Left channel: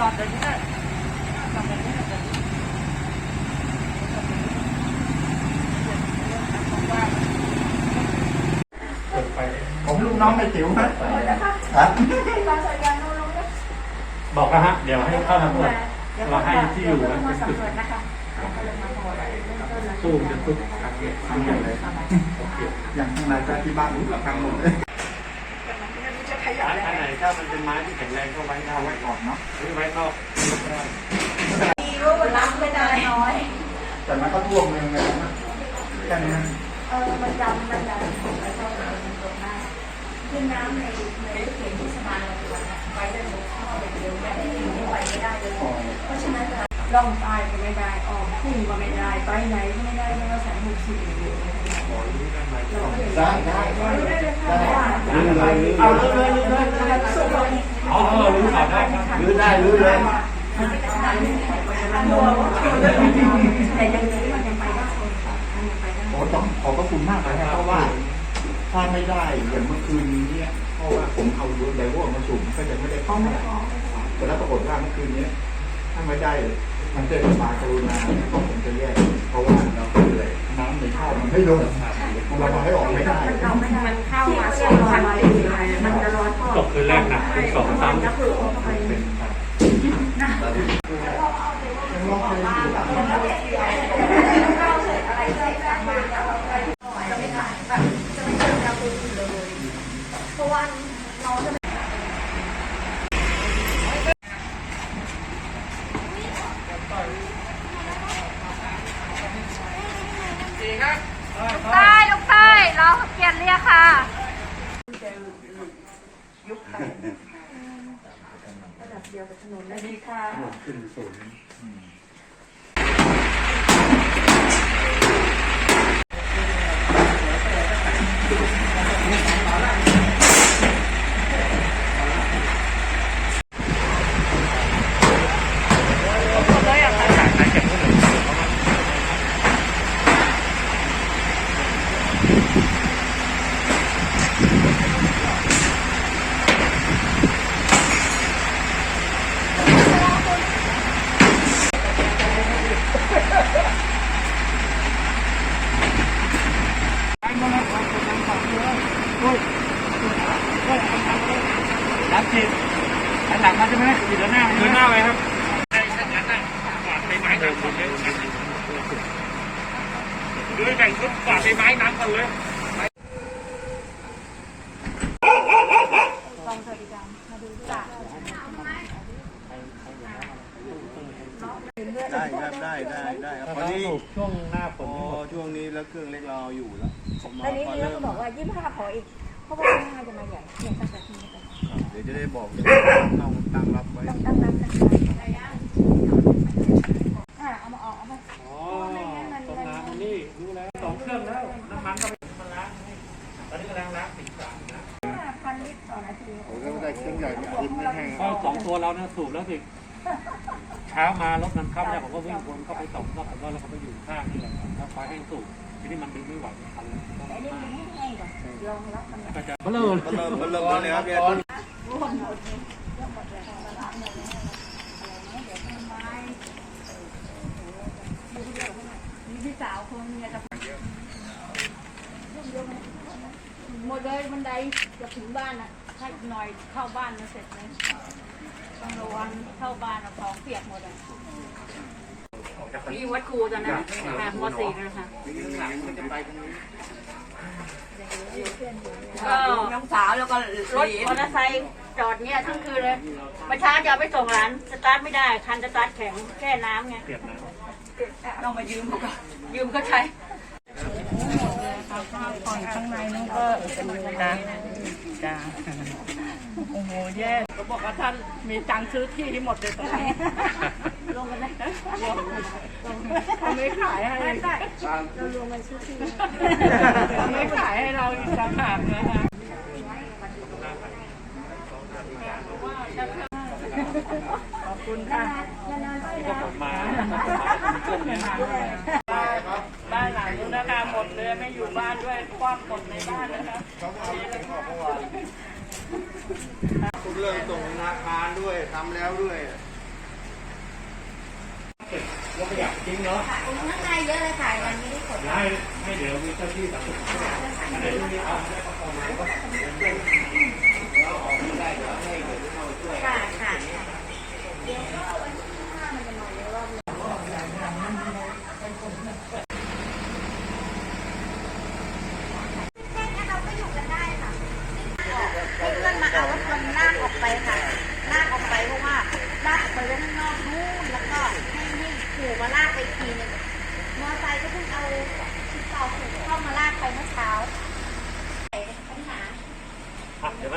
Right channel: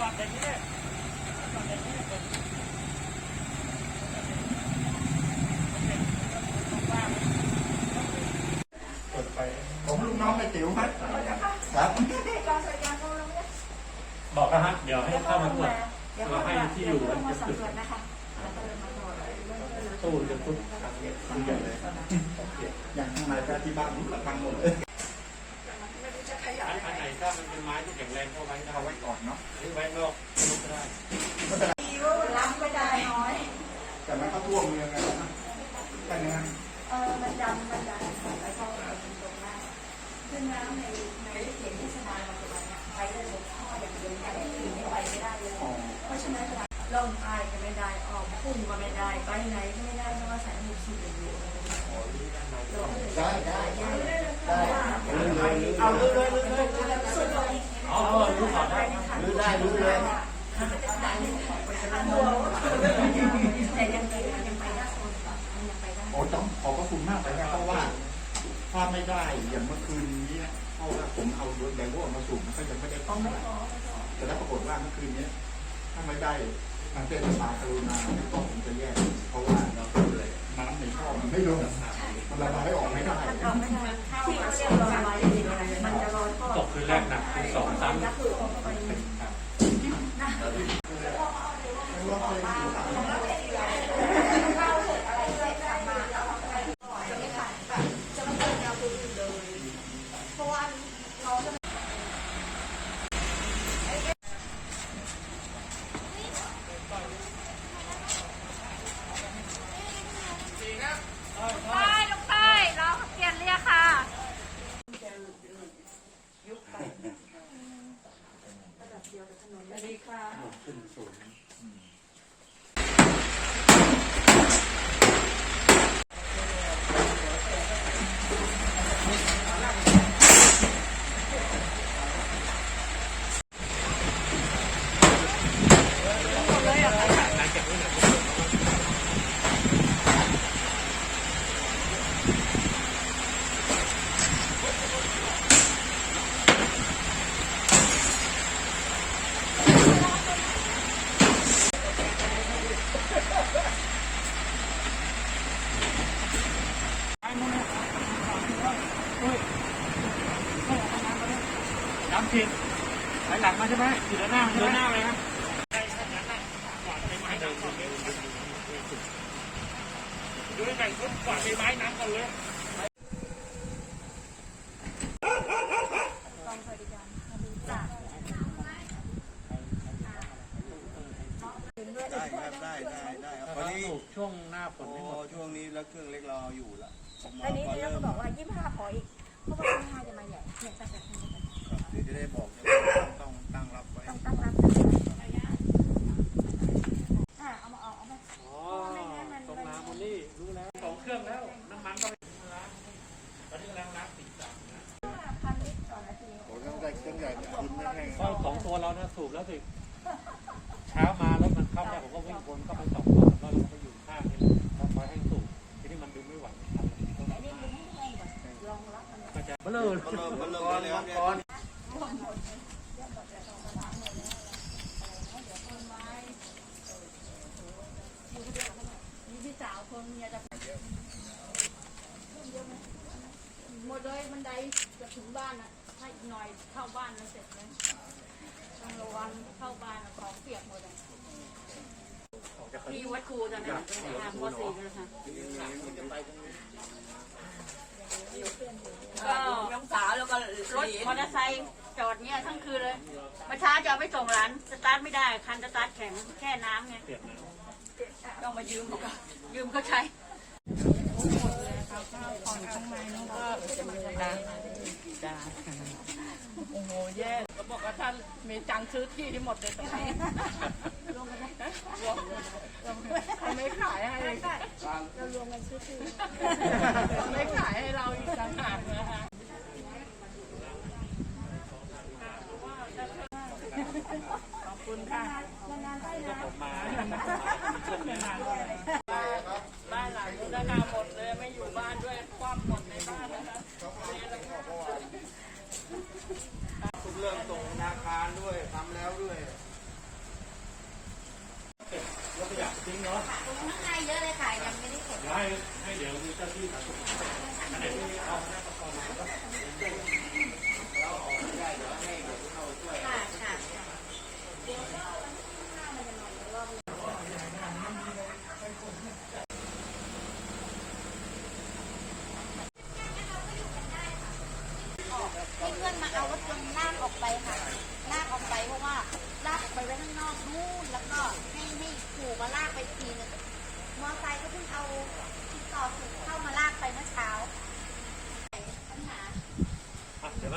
จอดอย่างนี้ได้จอดอย่างนี้ได้เปิดไป ผมลูกน้องไปติ๋วครับครับ บอกแล้วฮะ เดี๋ยวให้เข้ามาเปิดเราให้ที่อยู่มันเป็นจุดตู้จะตุ๊กครับทั้งหมดเลยอย่างข้างในก็ที่บ้านรู้กับทางหมดเลย อันไหนถ้ามันเป็นไม้ที่แข็งแรงก็ไว้ได้เอาไว้ก่อนเนาะ ไว้นอกรับไม่ได้น้อย แต่มันก็ท่วมเมืองเลยนะแค่นี้เออมันดำมันดำไม่ใช่เป็นตรงหน้าคือน้ำในในเขียนที่สะพานเราไปวันไปได้หมดข้ออย่างเดียวแต่ที่อยู่นี่ไปไม่ได้เลยเพราะฉะนั้น ล่องใต้ก็ไม่ได้ออกทุ่งก็ไม่ได้ไปไหนก็ไม่ได้ไม่ว่าแสนหุบสิบอยู่ ได้ได้ได้เลยค่ะรื้อเลยรื้อเอาเลเลยเลยเลยเลยเอาเรารู้ข่าวได้รื้อได้รื้อเลยโอ้ต้องขอบพระคุณมากเลยนะเพราะว่า ถ้าไม่ได้อย่างเมื่อคืนนี้เพราะว่าผมเอาไดโวมาสูงก็จะไม่ได้เข้ามาแต่แล้วปรากฏว่าเมื่อคืนนี้ ถ้าไม่ได้ทางเทศบาลกรุณาก็ผมจะแยกเพราะว่าเราเลยน้ำในท่อมันไม่ลงมันระบายออกไม่ได้เราไม่ได้มันเข้ามาสองพันปีมันจะร้อนตกคืนแรกหนักคืนสองสาม ก็คือออกไป เป็นการ เพราะว่าเราจะ ลูกใต้ลูกใต้เราเปลี่ยนเรียกค่ะ ระดับเดียวกับถนนนะ ดีค่ะ ขึ้นสูงน้ำ จีนหันหลังมาใช่ไหมอยู่ด้านหน้าด้านหน้าไว้ครับด้วยแบ่งชุดกวาดใบไม้น้ำก่อนเลยได้ครับได้ได้ได้ครับตตออนนนี้นี้ช่วงหน้าฝพนอนี่หมดช่วงนี้แล้วเครื่องเล็กเราเอาอยู่แล้วผมมอันนี้เราเริ่มก็บอกว่ายี่ห้าขออีก เพราะว่ายี่ห้าจะมาใหญ่เนี่ยตั้งแต่ที่นี้ไปเดี๋ยวจะได้บอกจะต้องตั้งรับไว้ต้องตั้งรับอ่าเอามาออกเอามาอ๋อตรงน้ำมันนี่รู้แล้วสองเครื่องแล้วน้ำมันก็มันล้างตอนนี้กำลังล้างสีสันนะห้าพันลิตรต่อนาทีโอ้แล้วได้เครื่องใหญ่มาคุณไม่แห้งก็สองตัวเราเนี่ยสูบแล้วสิเช้ามารถมันเข้าเนี่ยผมก็วิ่งวนเข้าไปสองตัวแล้วเราก็อยู่ข้างนี่แหละแล้วไฟให้สูบทีนี้มันดึงไม่ไหวไอ้นี่มัน แห้งก่อนลองรับมันก็เริ่มก็เริ่มก็เริ่มเลยครับพี่ร่วมหมดเลยเยอะหมดเลยของร้านเลยนะอะไรนเดี๋ยวต้นไม้ดูที่เดียวมีพี่สาวคนเมียจะหมดเลยบันไดจะถึงบ้านอะถ้าหน่อยเข้าบ้านมันเสร็จเลยต้องระวังเข้าบ้านเอาของเปียกหมดอะ ที่วัดครูตอนนั้นค่ะมสี่เลยค่ะก็น้องสาวแล้วก็รถมอเตอร์ไซค์จอดเนี้ยทั้งคืนเลยประชาจะเอาไปส่งหลานสตาร์ทไม่ได้ คันสตาร์ทแข็งแค่น้ำไง เปลี่ยนน้ำต้องมายืมเขาก่อนยืมก็ใช้ ข้างในนั่นก็จ้าจ้าโอ้โหแย่ก็บอกว่าท่านมีตังค์ซื้อที่ที่หมดเลยตอนนี้ลงกันไหมเขาไม่ขายให้เรารวมกันซื้อที่เขาไม่ขายให้เราอีกต่างหากนะคะขอบคุณค่ะนานๆก็ที่ได้ผมาช่วงนี้ ไม่อยู่บ้านด้วยควักหมดในบ้านนะครับทุกเรื่องส่งธนาคารด้วยทำแล้วด้วยว่าบรถขยะทิ้งเนาะข้างในเยอะเลยค่ะยังไม่ได้ขนย้าให้เดี๋ยวมีเจ้าที่สังคมอะไรที่มีเอาได้ประอมาเราออกไม่ได้เดี๋ยวให้เดี๋ยวเข้าช่วยค่ะค่ะเดี๋ยวก็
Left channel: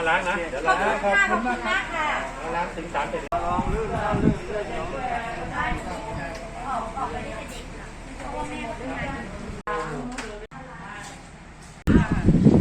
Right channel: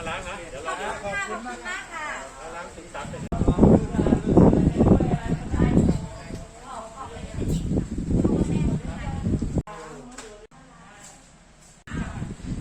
ล้างนะ เดี๋ยวล้าขอบคุณมากค่ะล้างถึงสามเป็น